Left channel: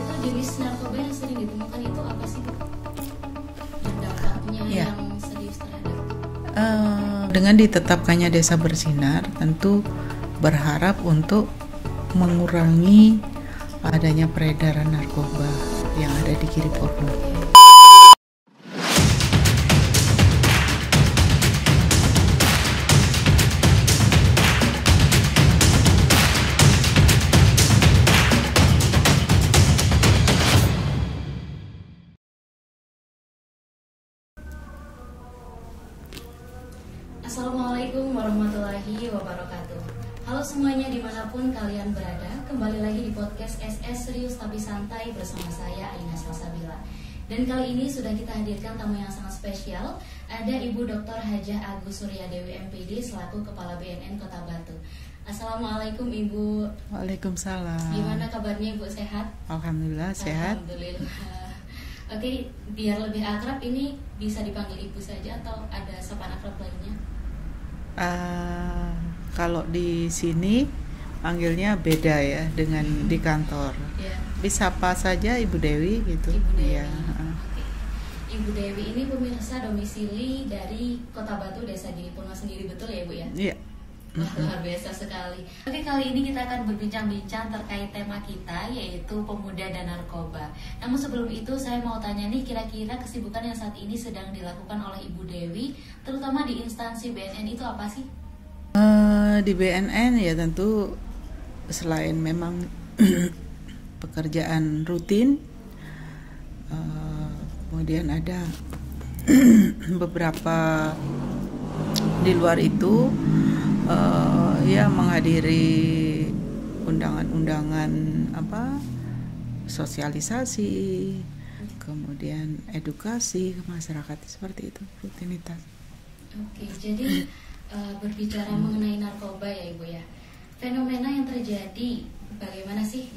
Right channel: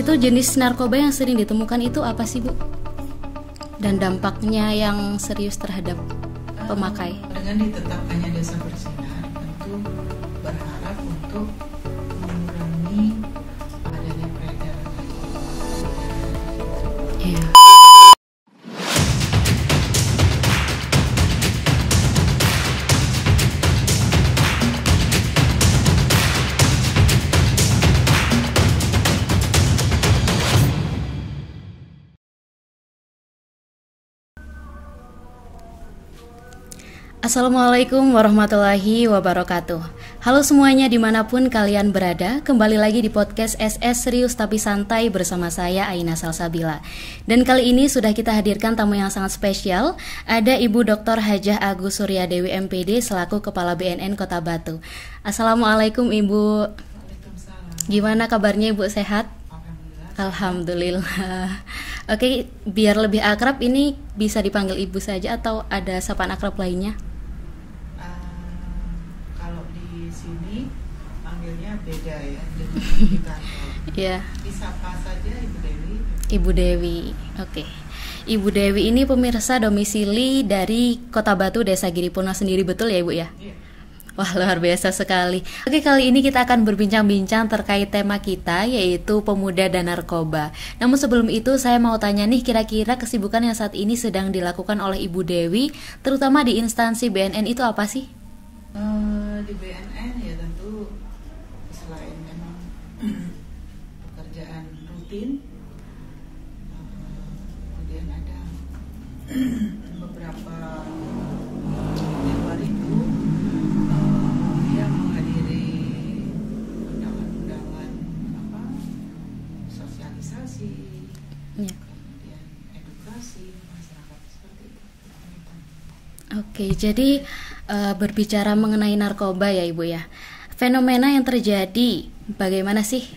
Itu jenis narkoba yang sering ditemukan itu apa sih, Bu? Dan dampaknya yang serius terhadap pemakai. Dengan ditetapkannya Desa Bersinar, tentu berharap untuk mengurangi adanya peredaran narkoba yang ada di Giripurno. Assalamualaikum warahmatullahi wabarakatuh. Halo semuanya dimanapun kalian berada, kembali lagi di podcast SS Serius Tapi Santai bersama saya Aina Salsabila. Dan kali ini sudah kita hadirkan tamu yang sangat spesial. Ada Ibu Dr. Hajah Agus Suryadewi MPD selaku Kepala BNN Kota Batu. Assalamualaikum Ibu. Waalaikumsalam. Gimana kabarnya Ibu, sehat? Alhamdulillah sehat. Alhamdulillah. Oke, biar lebih akrab ini bisa dipanggil Ibu saja atau ada sapaan akrab lainnya? Kalau di sini panggilnya beda ya dengan di kantor. Iya. Bisa apa saja Ibu Dewi gitu. Ibu Dewi. Oke. Ibu Dewi ini pemirsa domisili dari Kota Batu, Desa Giripurno sendiri, betul ya Ibu ya? Iya. Wah, luar biasa sekali. Oke, kali ini kita akan berbincang-bincang terkait tema kita, yaitu pemuda dan narkoba. Namun sebelum itu saya mau tanya nih, kira-kira kesibukan yang saat ini sedang dilakukan oleh Ibu Dewi, terutama di instansi BNN itu apa sih? Di BNN ya tentu selain memang pekerjaan rutin, kemudian ada beberapa di luar itu ya menghadiri undangan-undangan sosialisasi, kemudian edukasi ke masyarakat, seperti itu rutinitas. Oke, jadi berbicara mengenai narkoba ya Ibu ya, fenomena yang terjadi bagaimana sih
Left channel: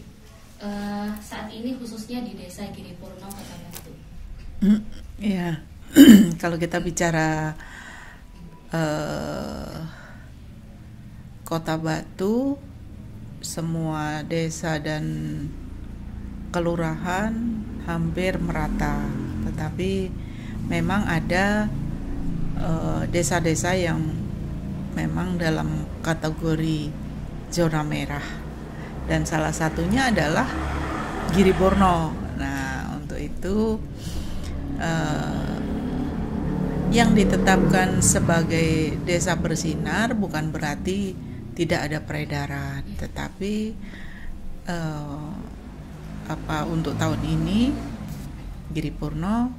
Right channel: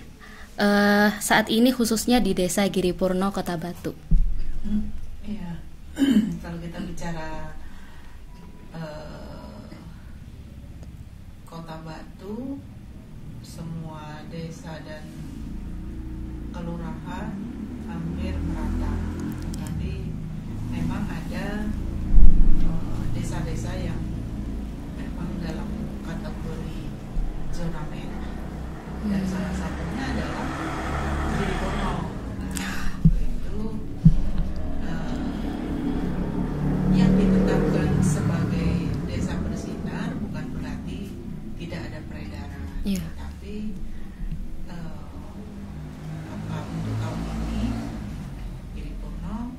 saat ini khususnya di Desa Giripurno Kota Batu? Ya, kalau kita bicara Kota Batu, semua desa dan kelurahan hampir merata, tetapi memang ada desa-desa yang memang dalam kategori zona merah, dan salah satunya adalah Giripurno. Nah, untuk itu yang ditetapkan sebagai Desa Bersinar bukan berarti tidak ada peredaran, tetapi untuk tahun ini Giripurno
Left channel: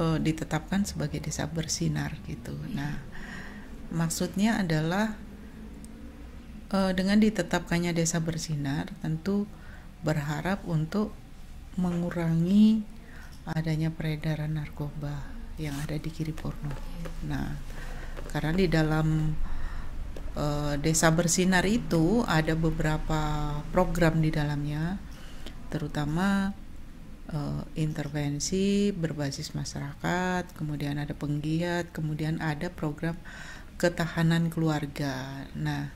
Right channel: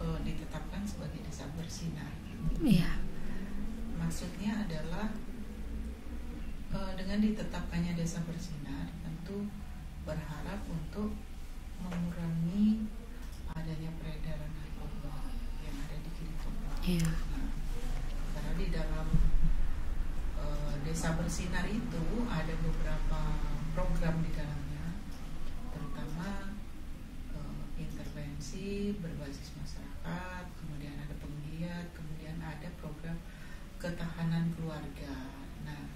ditetapkan sebagai Desa Bersinar gitu. Nah, maksudnya adalah dengan ditetapkannya Desa Bersinar tentu berharap untuk mengurangi adanya peredaran narkoba yang ada di Giripurno. Nah, karena di dalam Desa Bersinar itu ada beberapa program di dalamnya, terutama intervensi berbasis masyarakat, kemudian ada penggiat, kemudian ada program ketahanan keluarga. Nah,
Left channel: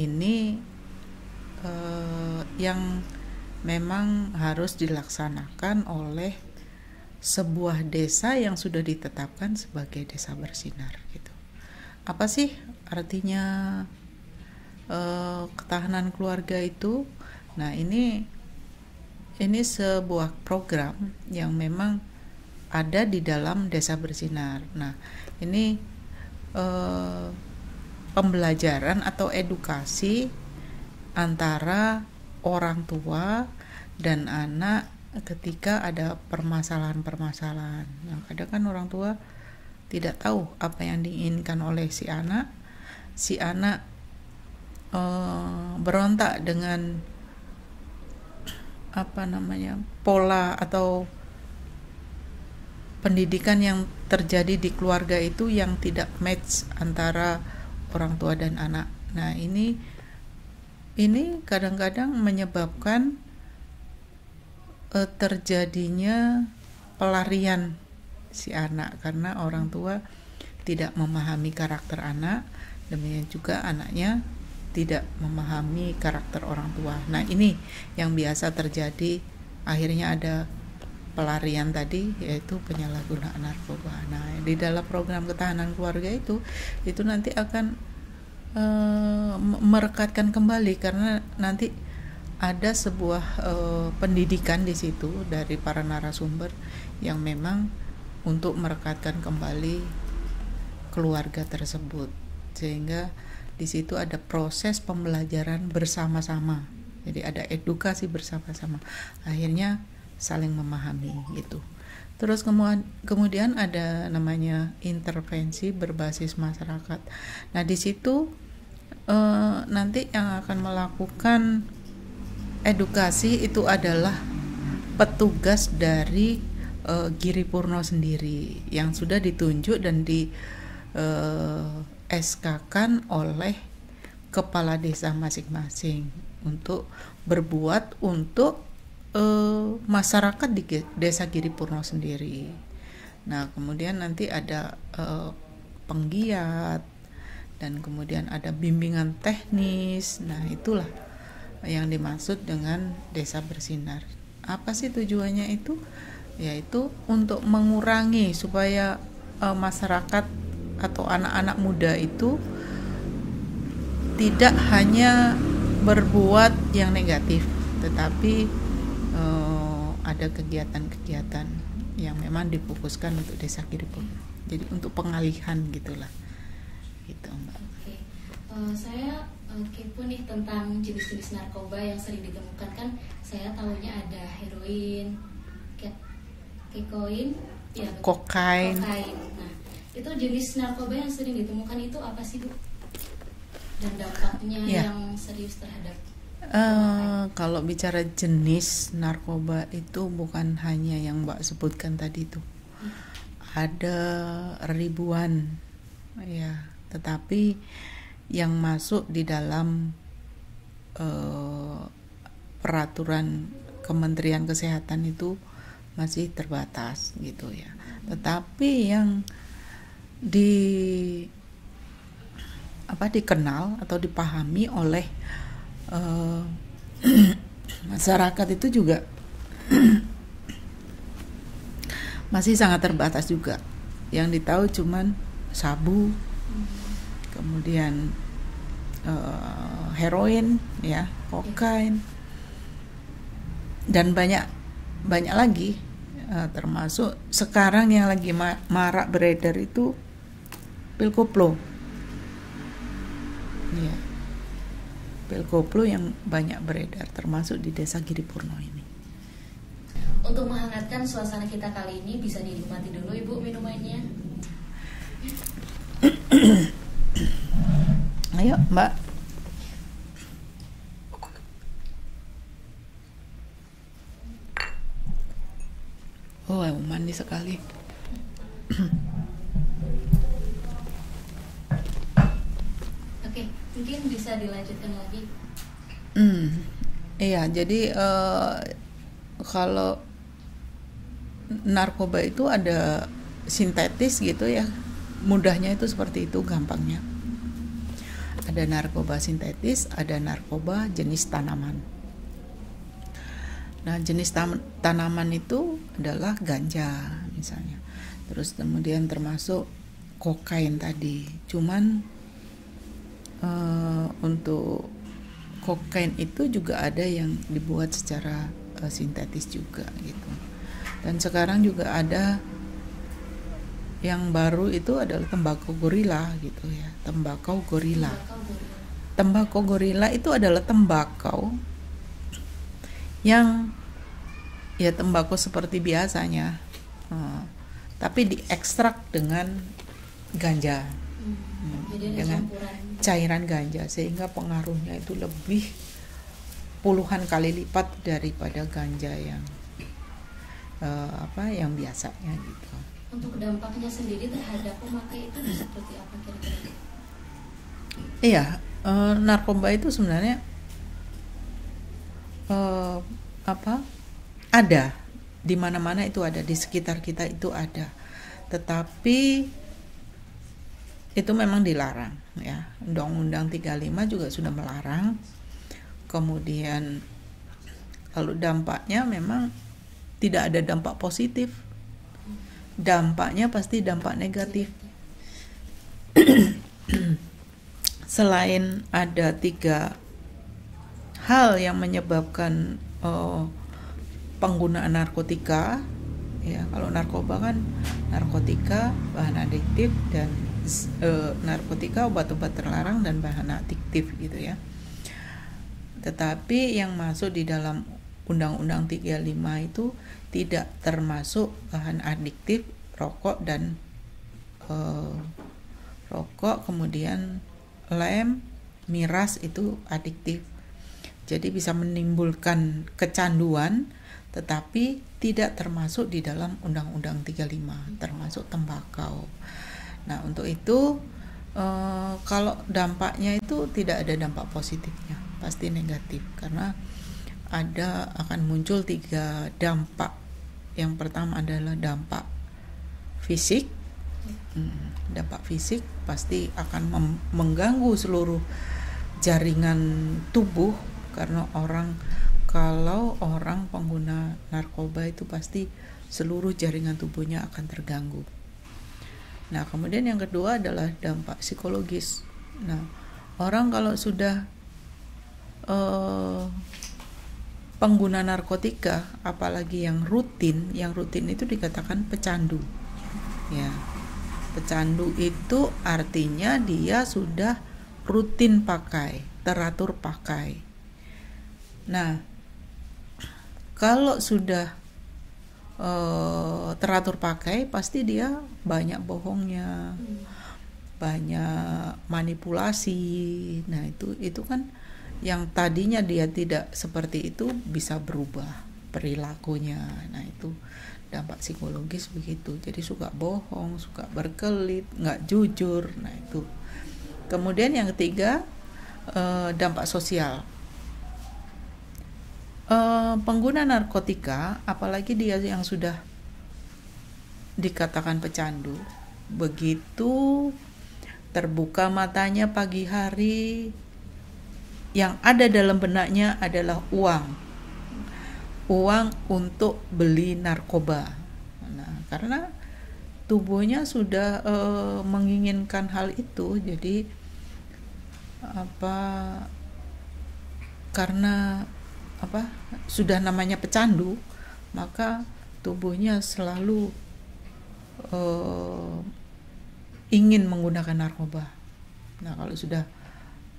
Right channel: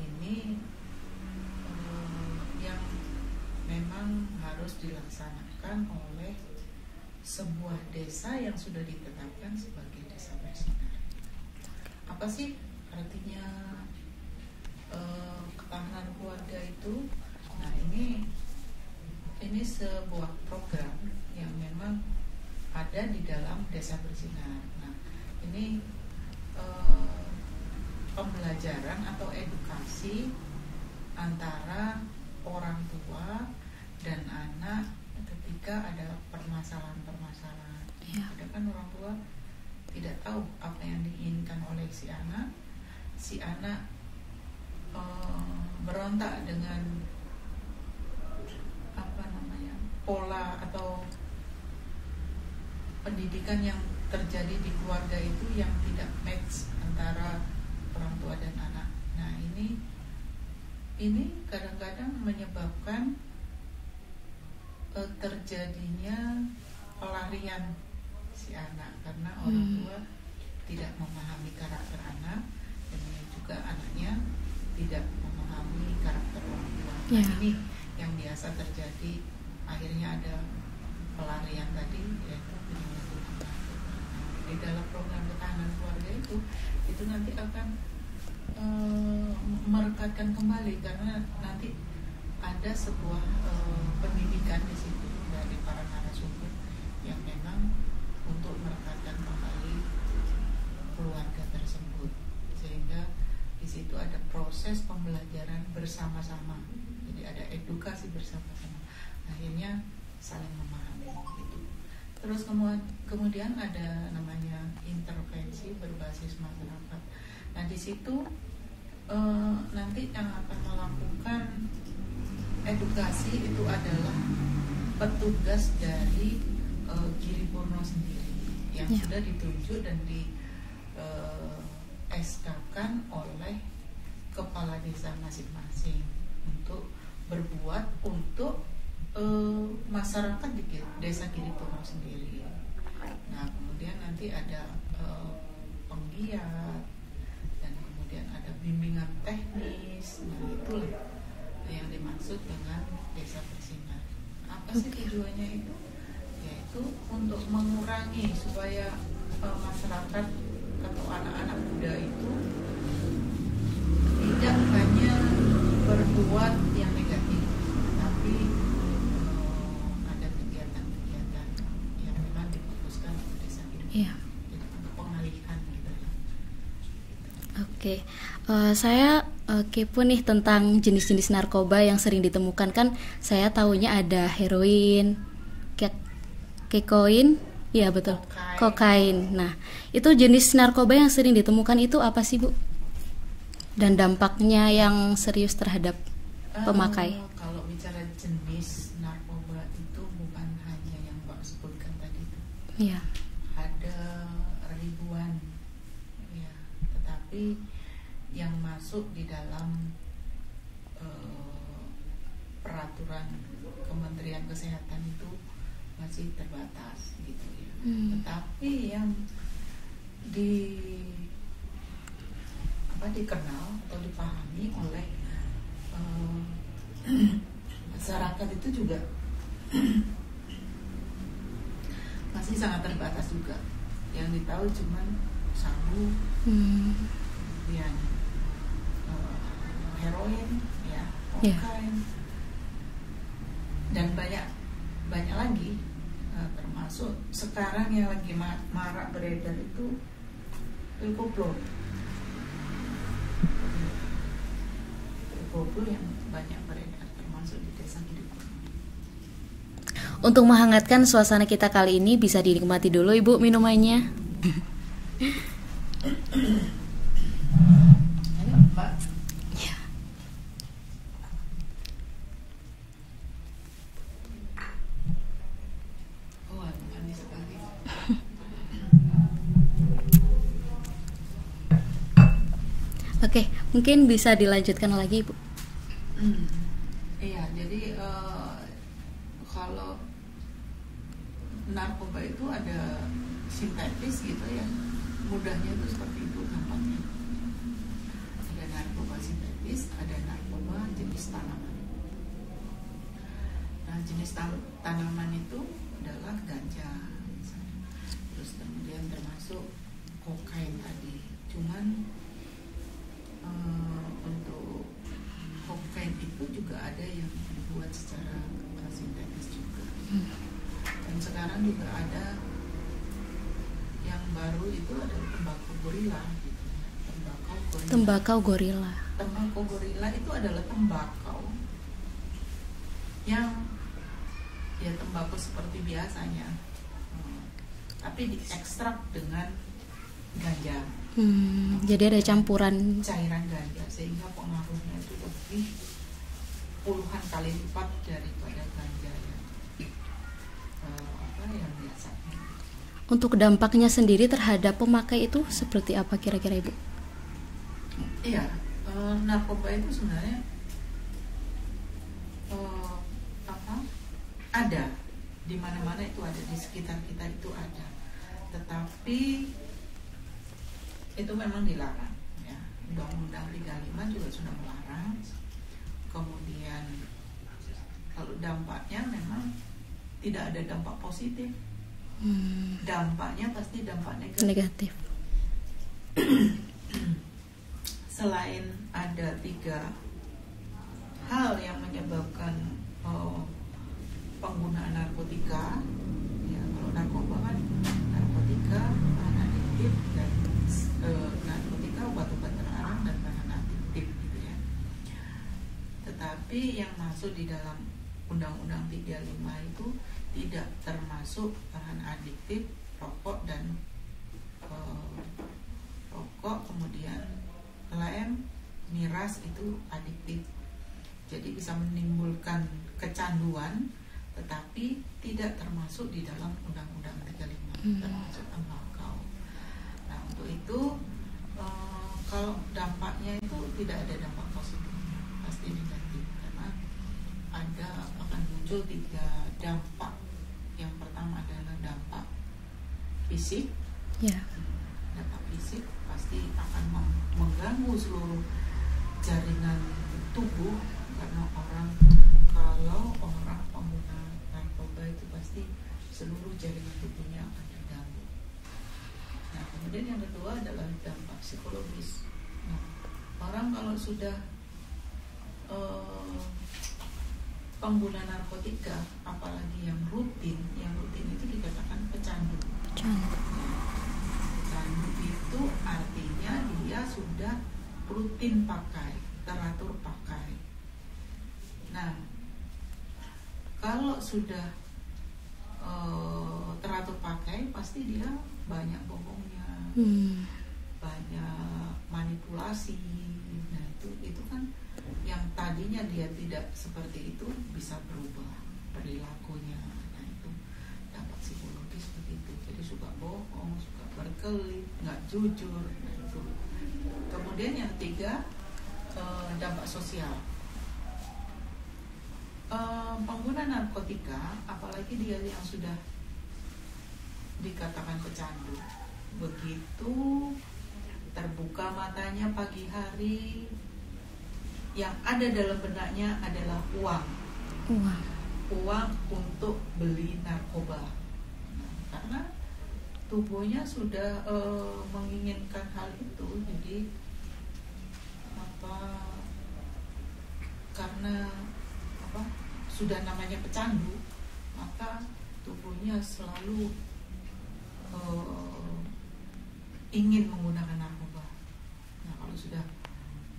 ini yang memang harus dilaksanakan oleh sebuah desa yang sudah ditetapkan sebagai Desa Bersinar gitu. Apa sih artinya ketahanan keluarga itu? Nah, ini sebuah program yang memang ada di dalam Desa Bersinar. Nah, ini pembelajaran atau edukasi antara orang tua dan anak ketika ada permasalahan-permasalahan. Kadang kan orang tua tidak tahu apa yang diinginkan oleh si anak. Si anak berontak dengan pola atau pendidikan yang terjadi di keluarga itu yang tidak match antara orang tua dan anak. Nah, ini kadang-kadang menyebabkan terjadinya pelarian si anak karena orang tua tidak memahami karakter anak, demikian juga anaknya tidak memahami karakter orang tua. Nah, ini yang biasa terjadi, akhirnya ada pelarian tadi, yaitu penyalahgunaan narkoba. Nah, di dalam program ketahanan keluarga itu nanti akan merekatkan kembali, karena nanti ada sebuah pendidikan di situ dari para narasumber yang memang untuk merekatkan kembali keluarga tersebut, sehingga di situ ada proses pembelajaran bersama-sama. Jadi ada edukasi bersama-sama, akhirnya saling memahami gitu. Terus kemudian ada namanya intervensi berbasis masyarakat. Nah, di situ nanti yang akan melakukan edukasi itu adalah petugas dari Giri Purno sendiri yang sudah ditunjuk dan di SK-kan oleh kepala desa masing-masing untuk berbuat untuk masyarakat di desa Giri Purno sendiri. Nah, kemudian nanti ada penggiat dan kemudian ada bimbingan teknis. Nah, itulah yang dimaksud dengan desa bersinar. Apa sih tujuannya itu? Yaitu untuk mengurangi supaya masyarakat atau anak-anak muda itu tidak hanya berbuat yang negatif, tetapi ada kegiatan-kegiatan yang memang difokuskan untuk desa Giri Purno. Jadi untuk pengalihan gitulah. Gitu. Oke. Saya kepo nih tentang jenis-jenis narkoba yang sering ditemukan. Kan saya tahunya ada heroin, kekoin, ya betul. Kokain. Nah, itu jenis narkoba yang sering ditemukan itu apa sih, Bu? Dan dampaknya yang serius terhadap pemakai. Kalau bicara jenis narkoba itu bukan hanya yang Mbak sebutkan tadi itu. Iya. Ada ribuan, ya. Tetapi yang masuk di dalam peraturan Kementerian Kesehatan itu masih terbatas gitu ya. Tetapi yang dikenal atau dipahami oleh masyarakat itu juga masih sangat terbatas juga. Yang ditahu cuman sabu, kemudian heroin, ya, kokain, dan banyak lagi, termasuk sekarang yang lagi marak beredar itu pil koplo. Pil koplo yang banyak beredar termasuk di desa Giri Purno ini. Untuk menghangatkan suasana kita kali ini, bisa dinikmati dulu Ibu minumannya. Ayo Mbak. Oh, manis sekali. Oke, mungkin bisa dilanjutkan lagi, Bu. Iya, jadi kalau narkoba itu ada sintetis gitu ya, mudahnya itu seperti itu, gampangnya. Ada narkoba sintetis, ada narkoba jenis tanaman. Nah, jenis tanaman itu adalah ganja misalnya. Terus kemudian termasuk kokain tadi. Cuman untuk kokain itu juga ada yang dibuat secara sintetis juga gitu. Dan sekarang juga ada yang baru itu adalah tembakau gorila gitu ya. Tembakau gorila itu adalah tembakau yang ya tembakau seperti biasanya, tapi diekstrak dengan ganja. Jadi ada campuran cairan ganja, sehingga pengaruhnya itu lebih puluhan kali lipat daripada ganja yang yang biasanya gitu. Untuk dampaknya sendiri terhadap pemakai itu seperti apa kira-kira Ibu? Iya, narkoba itu sebenarnya ada di mana-mana, itu ada di sekitar kita, itu ada. Tetapi itu memang dilarang ya. Undang-Undang 35 juga sudah melarang. Kemudian kalau dampaknya memang tidak ada dampak positif. Dampaknya pasti dampak negatif. Selain ada 3 hal yang menyebabkan penggunaan narkotika ya, kalau narkoba kan narkotika, bahan adiktif, dan narkotika obat-obat terlarang dan bahan adiktif gitu ya. Tetapi yang masuk di dalam Undang-Undang 35 itu tidak termasuk bahan adiktif, rokok dan kemudian lem, miras itu adiktif. Jadi bisa menimbulkan kecanduan, tetapi tidak termasuk di dalam Undang-Undang 35, termasuk tembakau. Nah, untuk itu kalau dampaknya itu tidak ada dampak positifnya, pasti negatif, karena akan muncul 3 dampak. Yang pertama adalah dampak fisik. Dampak fisik pasti akan mengganggu seluruh jaringan tubuh, karena kalau orang pengguna narkoba itu pasti seluruh jaringan tubuhnya akan terganggu. Nah, kemudian yang kedua adalah dampak psikologis. Nah, orang kalau sudah pengguna narkotika, apalagi yang rutin itu dikatakan pecandu. Ya, pecandu itu artinya dia sudah rutin pakai, teratur pakai. Nah, kalau sudah teratur pakai, pasti dia banyak bohongnya, banyak manipulasi. Nah, itu kan yang tadinya dia tidak seperti itu bisa berubah perilakunya. Nah, itu dampak psikologis begitu. Jadi suka bohong, suka berkelit, nggak jujur. Nah, itu. Kemudian yang ketiga, dampak sosial. Pengguna narkotika, apalagi dia yang sudah dikatakan pecandu, begitu terbuka matanya pagi hari, yang ada dalam benaknya adalah uang untuk beli narkoba. Nah, karena tubuhnya sudah menginginkan hal itu, jadi karena sudah namanya pecandu, maka tubuhnya selalu ingin menggunakan narkoba. Nah, kalau sudah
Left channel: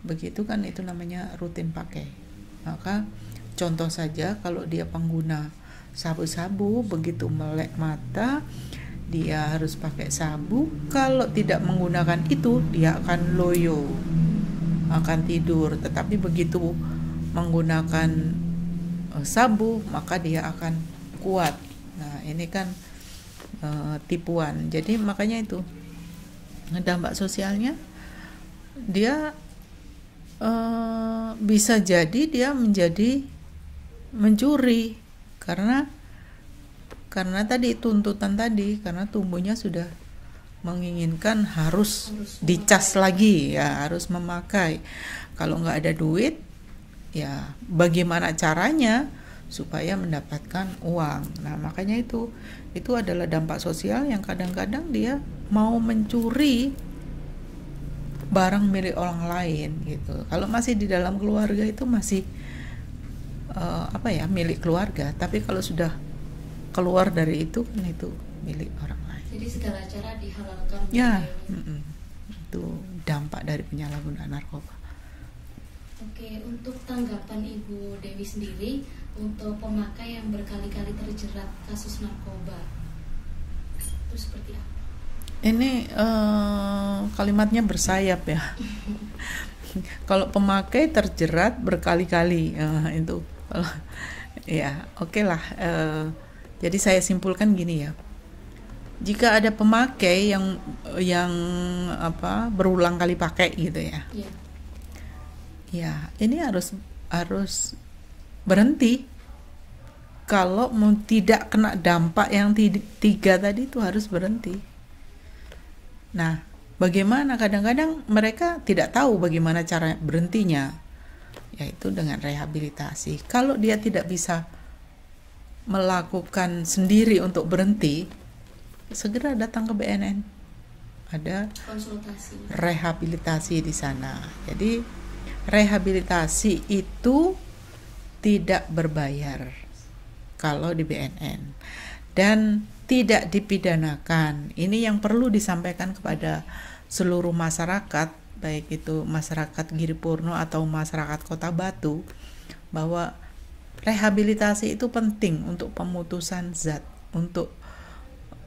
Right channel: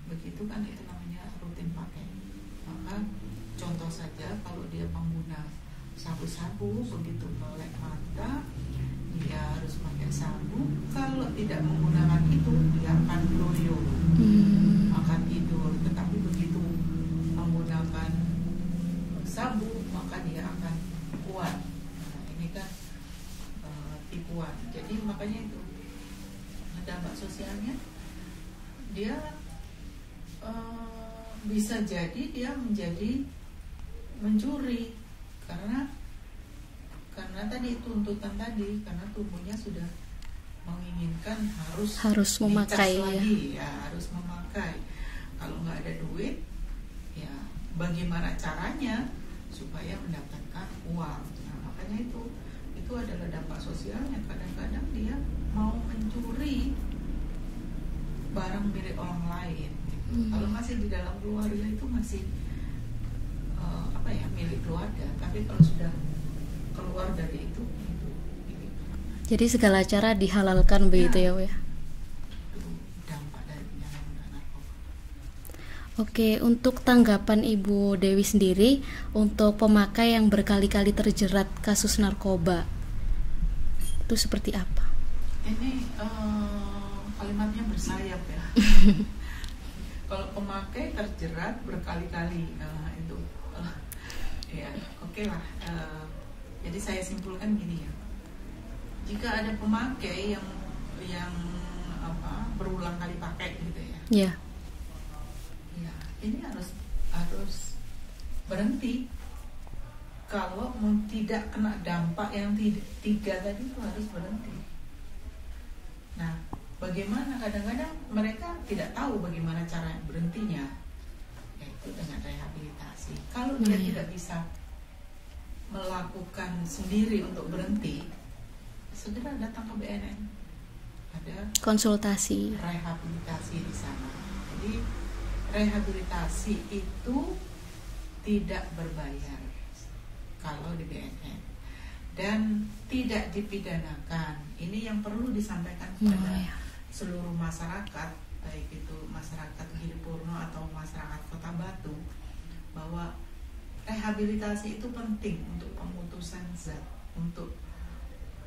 begitu kan itu namanya rutin pakai. Maka contoh saja, kalau dia pengguna sabu-sabu, begitu melek mata dia harus pakai sabu. Kalau tidak menggunakan itu, dia akan loyo, akan tidur. Tetapi begitu menggunakan sabu, maka dia akan kuat. Nah, ini kan tipuan. Jadi makanya itu dampak sosialnya, dia bisa jadi dia menjadi mencuri karena tadi tuntutan tadi, karena tubuhnya sudah menginginkan harus dicas lagi ya, harus memakai. Kalau nggak ada duit, ya bagaimana caranya supaya mendapatkan uang. Nah, makanya itu adalah dampak sosial yang kadang-kadang dia mau mencuri barang milik orang lain gitu. Kalau masih di dalam keluarga itu masih milik keluarga, tapi kalau sudah keluar dari itu milik orang lain. Jadi segala cara dihalalkan begitu ya, ya. Itu dampak dari penyalahgunaan narkoba. Oke, untuk tanggapan Ibu Dewi sendiri untuk pemakai yang berkali-kali terjerat kasus narkoba, itu seperti apa? Ini kalimatnya bersayap ya. Kalau pemakai terjerat berkali-kali, itu ya oke lah. Jadi saya simpulkan gini ya, jika ada pemakai yang berulang kali pakai gitu ya, ya ini harus berhenti. Kalau mau tidak kena dampak yang 3 tadi, itu harus berhenti. Nah, bagaimana kadang-kadang mereka tidak tahu bagaimana cara berhentinya, yaitu dengan rehabilitasi. Kalau dia tidak bisa melakukan sendiri untuk berhenti, segera datang ke BNN. Ada konsultasi, rehabilitasi di sana. Jadi rehabilitasi itu tidak berbayar kalau di BNN dan tidak dipidanakan. Ini yang perlu disampaikan kepada seluruh masyarakat, baik itu masyarakat Giripurno atau masyarakat Kota Batu, bahwa rehabilitasi itu penting untuk pemutusan zat, untuk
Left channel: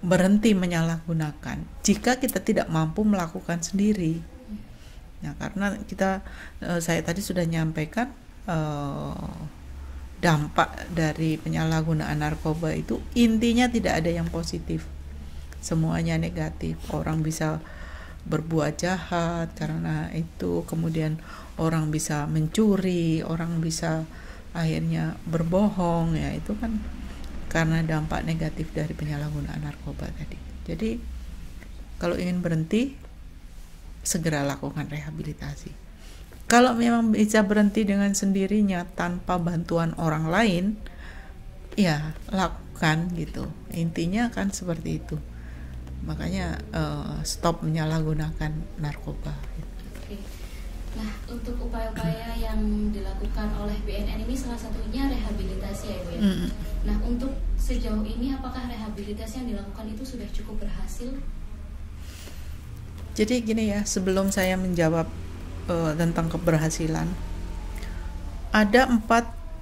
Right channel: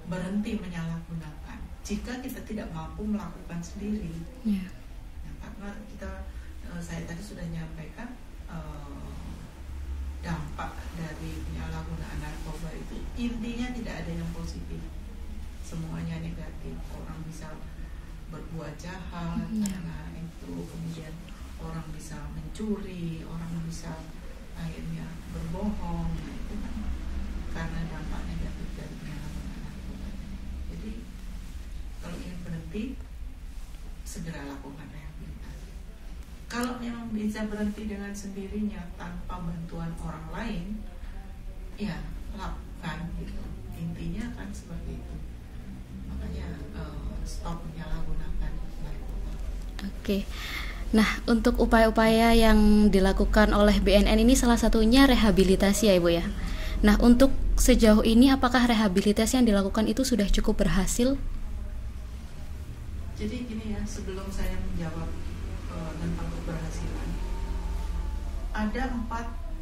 berhenti menyalahgunakan jika kita tidak mampu melakukan sendiri. Nah, karena saya tadi sudah nyampaikan dampak dari penyalahgunaan narkoba itu intinya tidak ada yang positif, semuanya negatif. Orang bisa berbuat jahat karena itu, kemudian orang bisa mencuri, orang bisa akhirnya berbohong, ya itu kan karena dampak negatif dari penyalahgunaan narkoba tadi. Jadi kalau ingin berhenti, segera lakukan rehabilitasi. Kalau memang bisa berhenti dengan sendirinya tanpa bantuan orang lain, ya lakukan gitu. Intinya kan seperti itu. Makanya stop menyalahgunakan narkoba. Oke. Nah, untuk upaya-upaya yang dilakukan oleh BNN ini salah satunya rehabilitasi ya Ibu ya. Nah, untuk sejauh ini apakah rehabilitasi yang dilakukan itu sudah cukup berhasil? Jadi gini ya, sebelum saya menjawab tentang keberhasilan, ada 4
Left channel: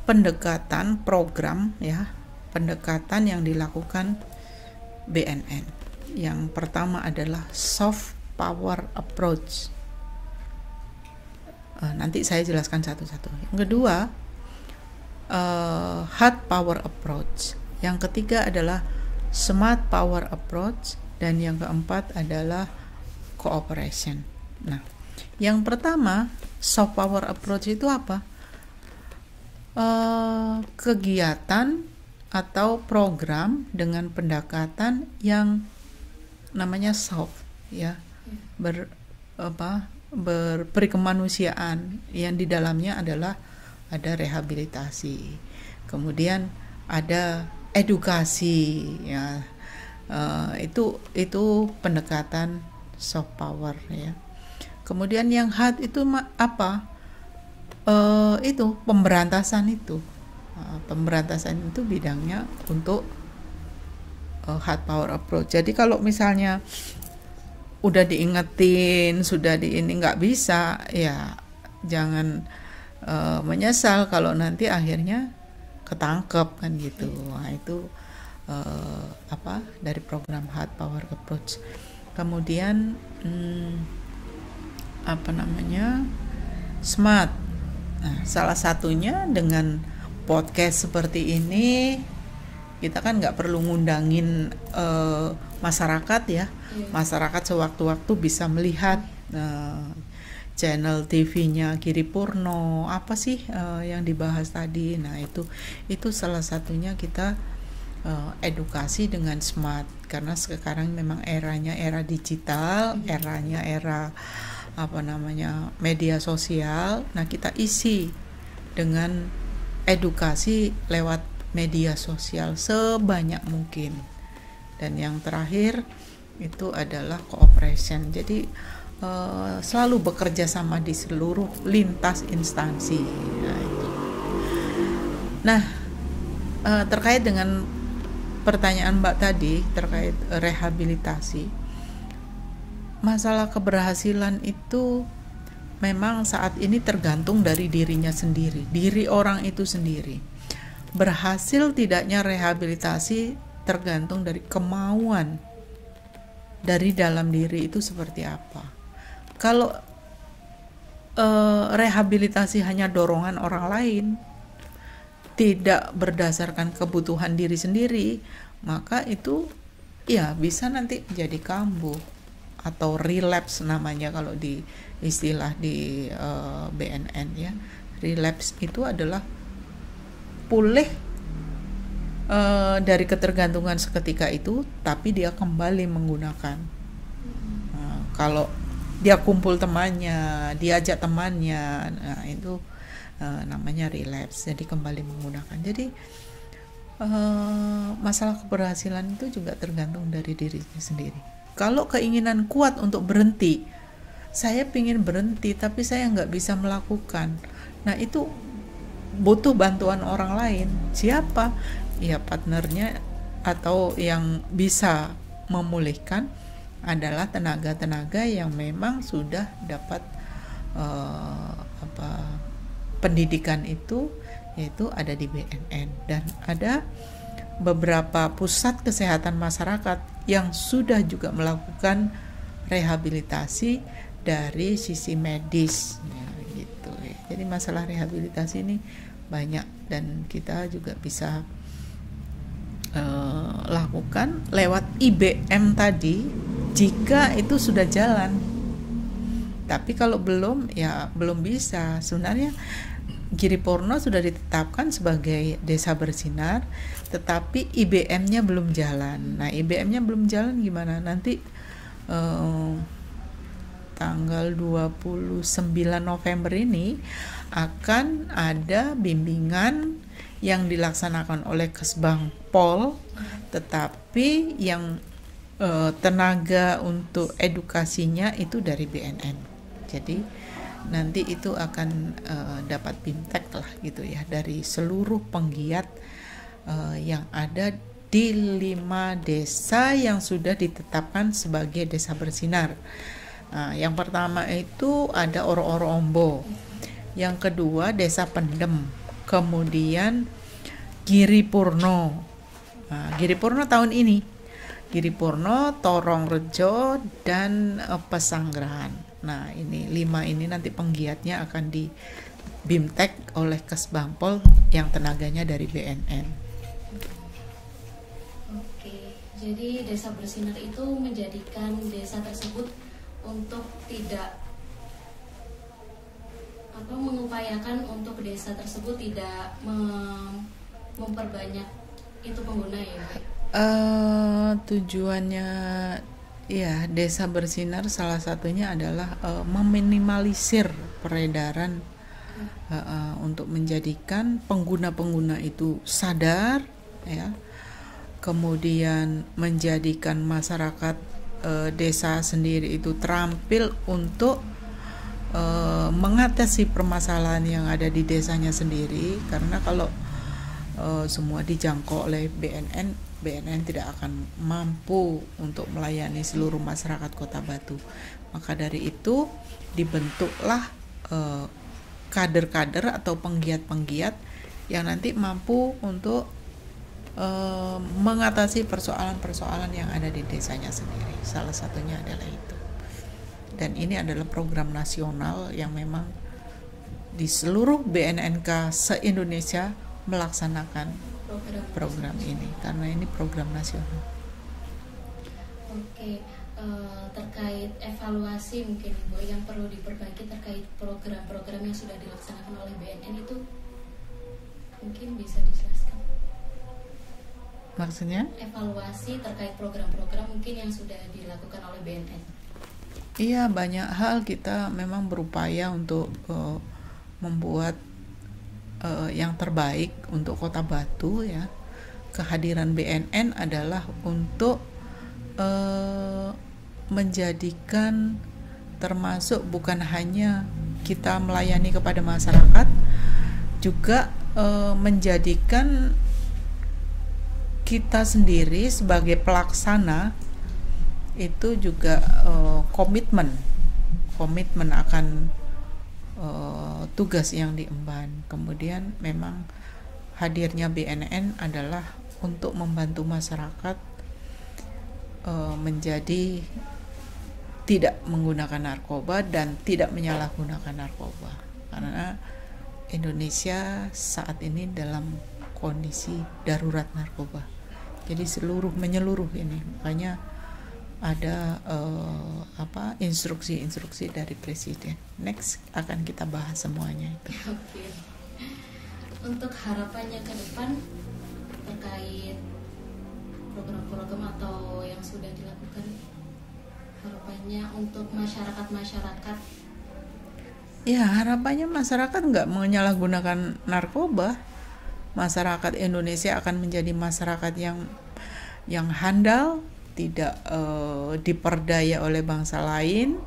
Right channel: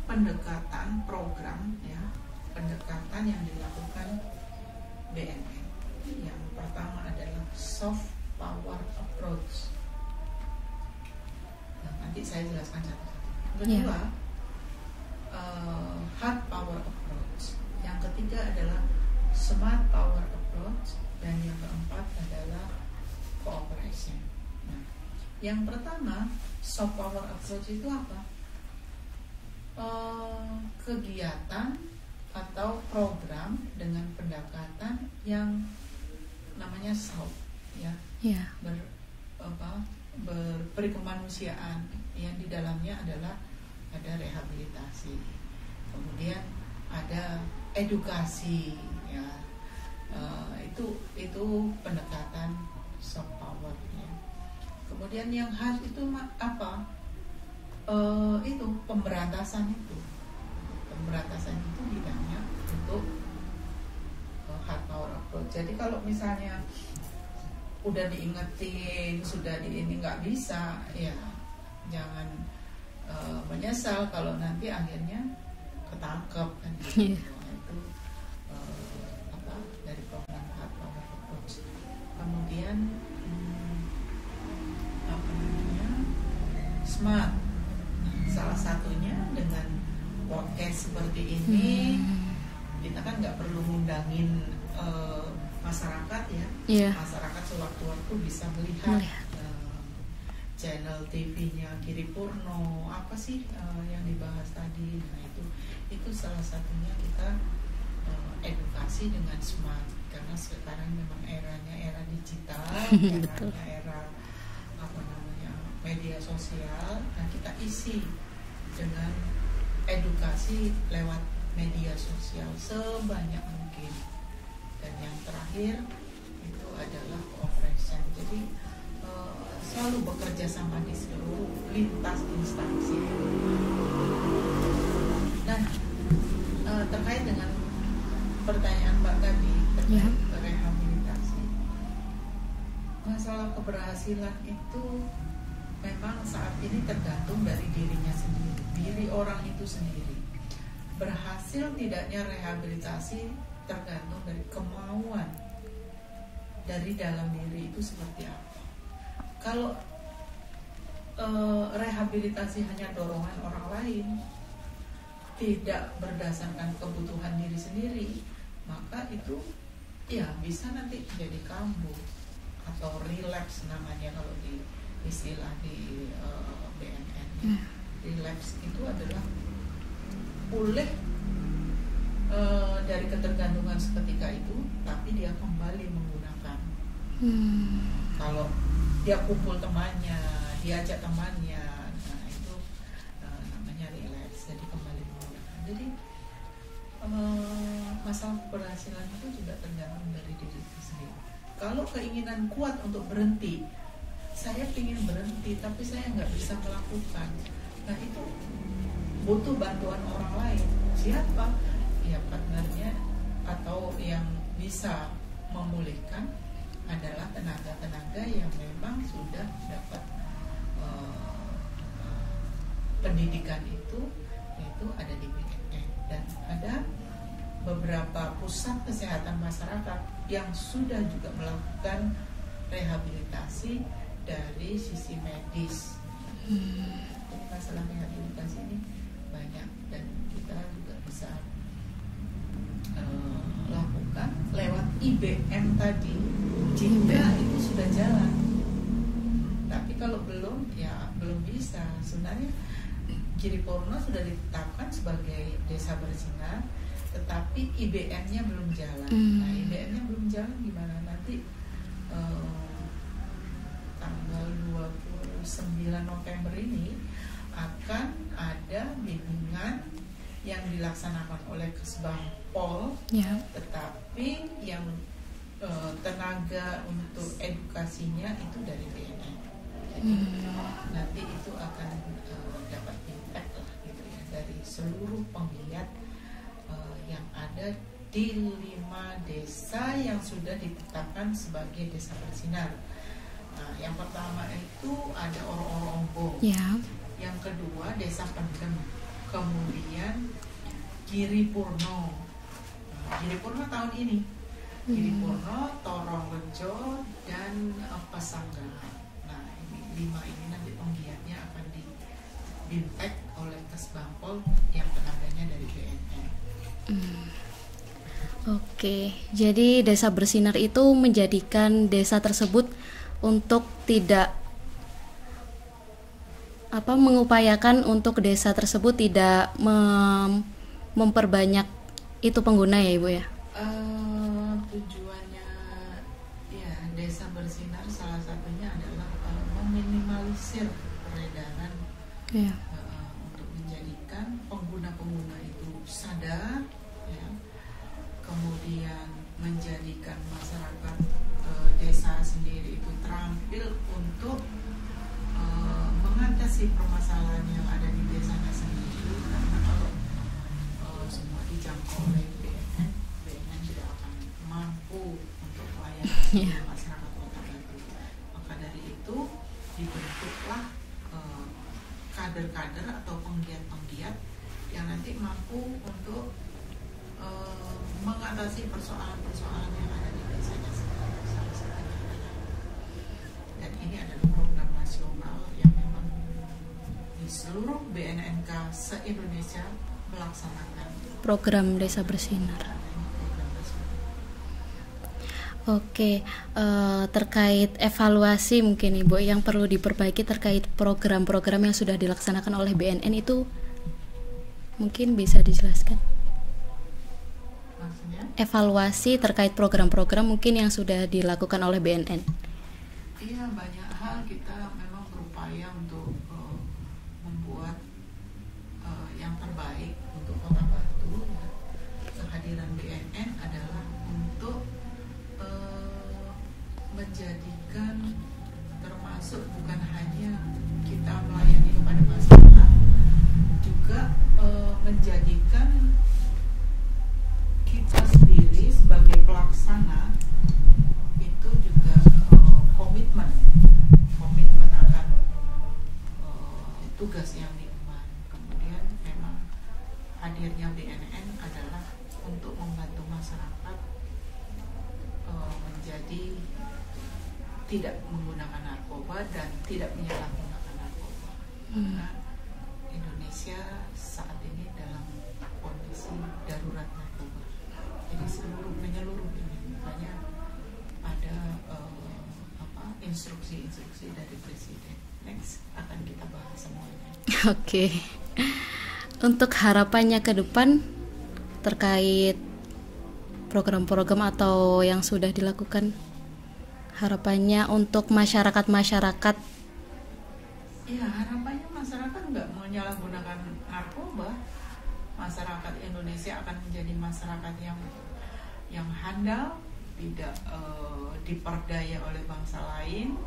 pendekatan program ya, pendekatan yang dilakukan BNN. Yang pertama adalah soft power approach. Nanti saya jelaskan satu-satu. Yang kedua, hard power approach. Yang ketiga adalah smart power approach, dan yang keempat adalah cooperation. Nah, yang pertama, soft power approach itu apa? Kegiatan atau program dengan pendekatan yang namanya soft, ya, berperi kemanusiaan, yang di dalamnya adalah ada rehabilitasi, kemudian ada edukasi, ya, itu pendekatan soft power, ya. Kemudian yang hard itu apa? Itu pemberantasan itu. Pemberantasan itu bidangnya untuk hard power approach. Jadi kalau misalnya udah diingetin, sudah ini nggak bisa, ya jangan menyesal kalau nanti akhirnya ketangkep kan gitu. Nah, itu dari program hard power approach. Kemudian smart. Nah, salah satunya dengan podcast seperti ini, kita kan nggak perlu ngundangin masyarakat ya. Masyarakat sewaktu-waktu bisa melihat channel TV-nya Giripurno, apa sih yang dibahas tadi. Nah, itu salah satunya kita edukasi dengan smart, karena sekarang memang eranya era digital, eranya era media sosial. Nah, kita isi dengan edukasi lewat media sosial sebanyak mungkin. Dan yang terakhir itu adalah cooperation. Jadi selalu bekerja sama di seluruh lintas instansi. Nah, terkait dengan pertanyaan Mbak tadi terkait rehabilitasi, masalah keberhasilan itu memang saat ini tergantung dari dirinya sendiri, diri orang itu sendiri. Berhasil tidaknya rehabilitasi tergantung dari kemauan dari dalam diri itu seperti apa. Kalau rehabilitasi hanya dorongan orang lain, tidak berdasarkan kebutuhan diri sendiri, maka itu ya bisa nanti jadi kambuh atau relapse namanya kalau di istilah di BNN ya. Relapse itu adalah pulih dari ketergantungan seketika itu, tapi dia kembali menggunakan. Kalau dia kumpul temannya, diajak temannya, nah itu namanya relapse, jadi kembali menggunakan. Jadi masalah keberhasilan itu juga tergantung dari diri sendiri. Kalau keinginan kuat untuk berhenti, saya ingin berhenti tapi saya nggak bisa melakukan, nah itu butuh bantuan orang lain. Siapa? Ya partnernya, atau yang bisa memulihkan adalah tenaga-tenaga yang memang sudah dapat pendidikan itu, yaitu ada di BNN, dan ada beberapa pusat kesehatan masyarakat yang sudah juga melakukan rehabilitasi dari sisi medis, gitu. Jadi masalah rehabilitasi ini banyak, dan kita juga bisa lakukan lewat IBM tadi jika itu sudah jalan. Tapi kalau belum, ya belum bisa. Sebenarnya Giripurno sudah ditetapkan sebagai desa bersinar, tetapi IBM-nya belum jalan. Nah, IBM-nya belum jalan gimana? Nanti tanggal 29 November ini akan ada bimbingan yang dilaksanakan oleh Kesbang Pol, tetapi yang tenaga untuk edukasinya itu dari BNN. Jadi nanti itu akan dapat bimtek lah gitu ya, dari seluruh penggiat yang ada di 5 desa yang sudah ditetapkan sebagai desa bersinar. Nah, yang pertama itu ada Oro-Oro Ombo, yang kedua Desa Pendem, kemudian Giripurno. Nah, Giripurno tahun ini, Giripurno, Torongrejo, dan Pesanggerahan. Nah, ini 5 ini nanti penggiatnya akan di bimtek oleh Kesbangpol yang tenaganya dari BNN. Oke, jadi desa bersinar itu menjadikan desa tersebut untuk tidak mengupayakan untuk desa tersebut tidak memperbanyak itu pengguna ya Ibu ya. Tujuannya ya desa bersinar salah satunya adalah meminimalisir peredaran, untuk menjadikan pengguna-pengguna itu sadar ya, kemudian menjadikan masyarakat desa sendiri itu terampil untuk mengatasi permasalahan yang ada di desanya sendiri. Karena kalau semua dijangkau oleh BNN tidak akan mampu untuk melayani seluruh masyarakat Kota Batu. Maka dari itu dibentuklah kader-kader atau penggiat-penggiat yang nanti mampu untuk mengatasi persoalan-persoalan yang ada di desanya sendiri. Salah satunya adalah itu. Dan ini adalah program nasional yang memang di seluruh BNNK se-Indonesia melaksanakan program desa bersinar ini, karena ini program nasional. Oke, terkait evaluasi mungkin Ibu yang perlu diperbaiki terkait program-program yang sudah dilaksanakan oleh BNN itu mungkin bisa dijelaskan? Maksudnya? Evaluasi terkait program-program mungkin yang sudah dilakukan oleh BNN. Iya, banyak hal kita memang berupaya untuk membuat yang terbaik untuk Kota Batu ya. Kehadiran BNN adalah untuk menjadikan, termasuk bukan hanya kita melayani kepada masyarakat, juga menjadikan kita sendiri sebagai pelaksana itu juga komitmen akan tugas yang diemban. Kemudian memang hadirnya BNN adalah untuk membantu masyarakat menjadi tidak menggunakan narkoba dan tidak menyalahgunakan narkoba. Karena Indonesia saat ini dalam kondisi darurat narkoba. Jadi menyeluruh ini. Makanya ada instruksi-instruksi dari Presiden. Next akan kita bahas semuanya. Oke. Untuk harapannya ke depan terkait program-program atau yang sudah dilakukan, Harapannya untuk masyarakat Ya, harapannya masyarakat nggak menyalahgunakan narkoba. Masyarakat Indonesia akan menjadi masyarakat yang handal, tidak diperdaya oleh bangsa lain.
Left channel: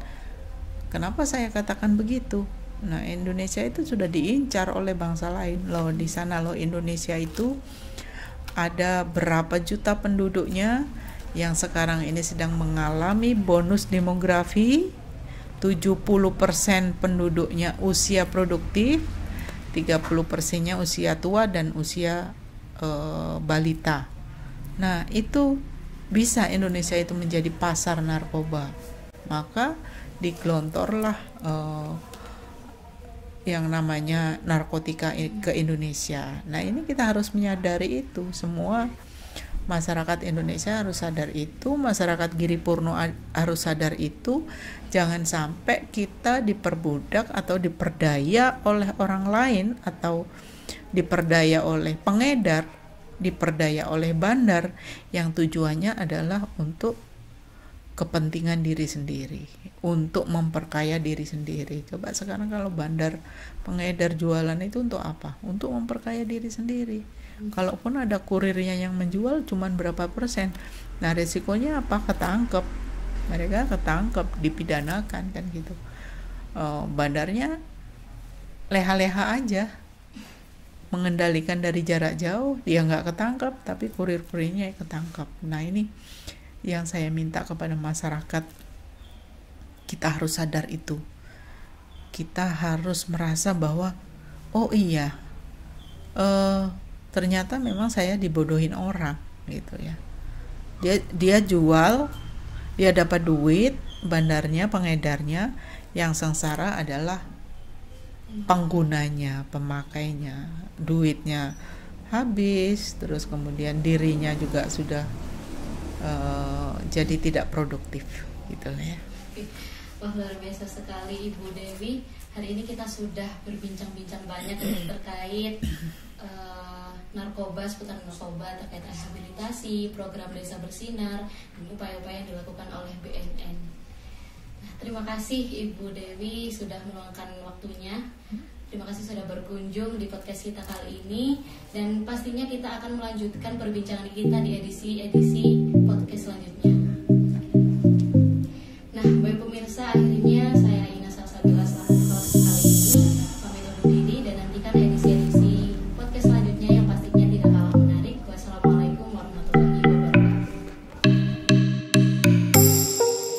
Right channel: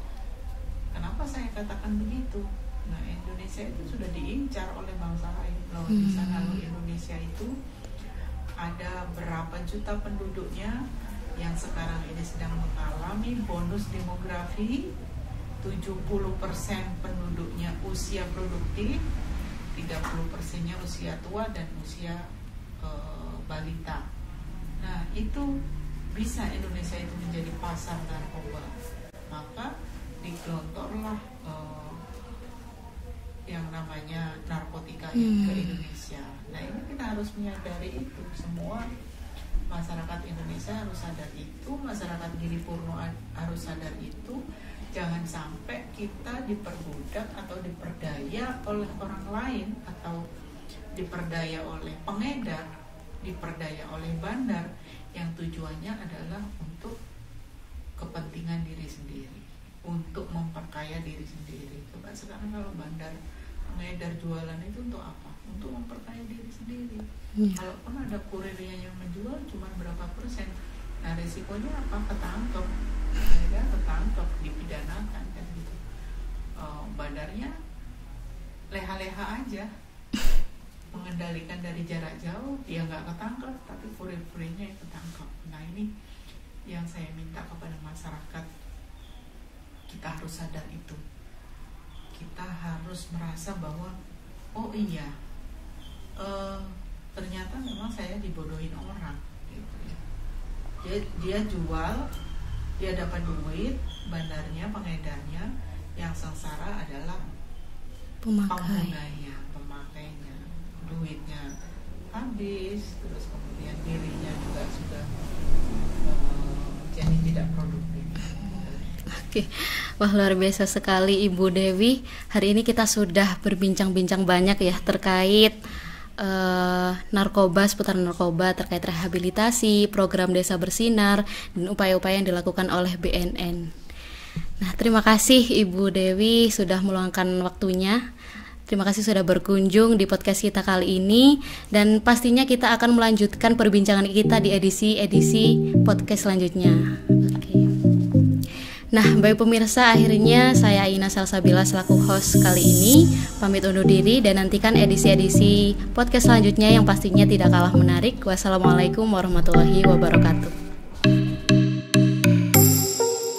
Kenapa saya katakan begitu? Nah, Indonesia itu sudah diincar oleh bangsa lain loh. Di sana loh, Indonesia itu ada berapa juta penduduknya yang sekarang ini sedang mengalami bonus demografi. 70% penduduknya usia produktif, 30%-nya usia tua dan usia balita. Nah, itu bisa Indonesia itu menjadi pasar narkoba. Maka digelontorlah yang namanya narkotika ke Indonesia. Nah, ini kita harus menyadari itu. Semua masyarakat Indonesia harus sadar itu, masyarakat Giripurno harus sadar itu. Jangan sampai kita diperbudak atau diperdaya oleh orang lain, atau diperdaya oleh pengedar, diperdaya oleh bandar yang tujuannya adalah untuk kepentingan diri sendiri, untuk memperkaya diri sendiri. Coba sekarang kalau bandar, pengedar, jualan itu untuk apa? Untuk memperkaya diri sendiri. Kalaupun ada kurirnya yang menjual cuman berapa persen, nah resikonya apa? Ketangkep, mereka ketangkep, dipidanakan kan gitu. Bandarnya leha-leha aja, mengendalikan dari jarak jauh, dia nggak ketangkep, tapi kurir-kurirnya ketangkep. Nah, ini yang saya minta kepada masyarakat, kita harus sadar itu. Kita harus merasa bahwa oh iya, ternyata memang saya dibodohin orang gitu ya. Dia jual, dia dapat duit, bandarnya, pengedarnya, yang sengsara adalah penggunanya, pemakainya. Duitnya habis, terus kemudian dirinya juga sudah jadi tidak produktif gitu ya. Oke. Wah, luar biasa sekali Ibu Dewi. Hari ini kita sudah berbincang-bincang banyak ya terkait narkoba, seputar narkoba, terkait rehabilitasi, program Desa Bersinar, dan upaya-upaya yang dilakukan oleh BNN. Nah, terima kasih Ibu Dewi sudah meluangkan waktunya. Terima kasih sudah berkunjung di podcast kita kali ini, dan pastinya kita akan melanjutkan perbincangan kita di edisi podcast selanjutnya. Oke. Nah, baik pemirsa, akhirnya saya Aina Salsabila selaku host kali ini pamit undur diri, dan nantikan edisi-edisi podcast selanjutnya yang pastinya tidak kalah menarik. Wassalamualaikum warahmatullahi wabarakatuh.